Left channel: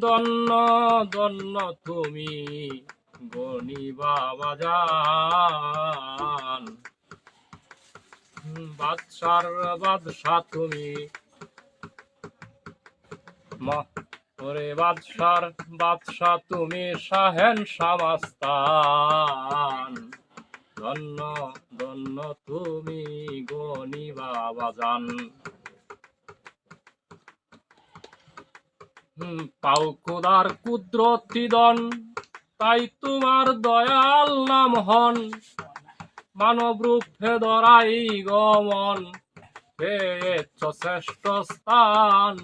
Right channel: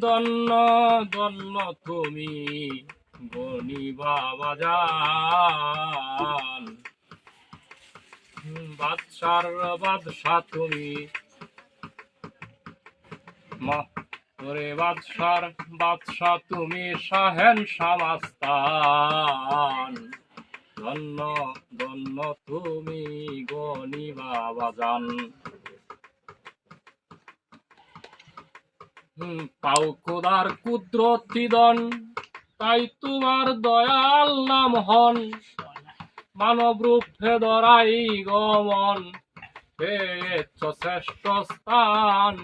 ধন্য ধন্য তুমি গনিবা বাজান। বাদশার বাদশা তুমি ওরে বাদশার বাদশা তুমি শাহেনশাহ মাস্তান। ধন্য ধন্য তুমি গনিবা বাজান। পাও খোদার কুদরতি দন, তাই তোমার দয়াল নাম হন। মানব রূপে ধরাই গমন, পেয়েছ শ্রেষ্ঠ স্থান।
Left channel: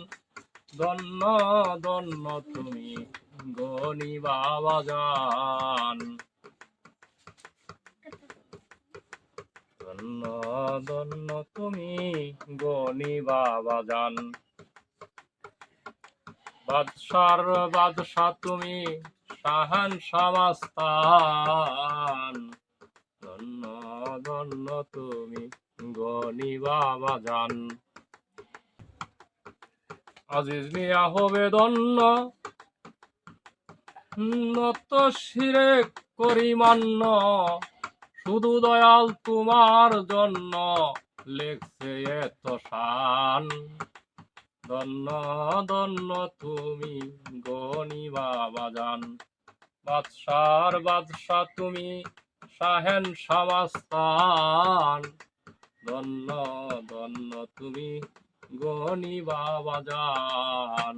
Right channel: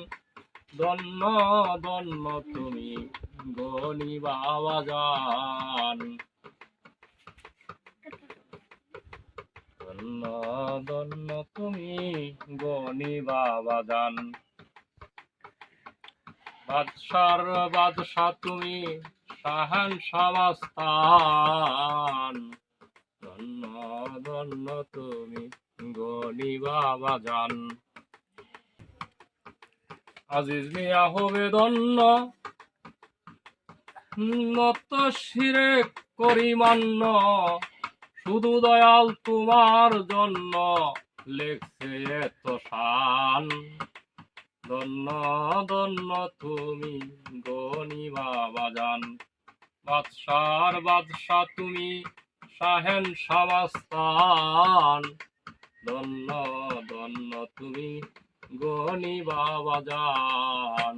ধন্য ধন্য তুমি গনিবা বাজান। ধন্য ধন্য তুমি গনিবা বাজান। বাদশার বাদশা তুমি শাহেনশাহ মাস্তান। ধন্য ধন্য তুমি গনিবা বাজান। আজিজ মিয়া হবে ধন্য, নত শিরে করি মান্য। শুধু দয়াল তোমার জন্য লেখছে এত শান। ধন্য ধন্য তুমি গনিবা বাজান। বাদশার বাদশা তুমি শাহেনশাহ মাস্তান। ধন্য ধন্য তুমি গনিবা বাজান।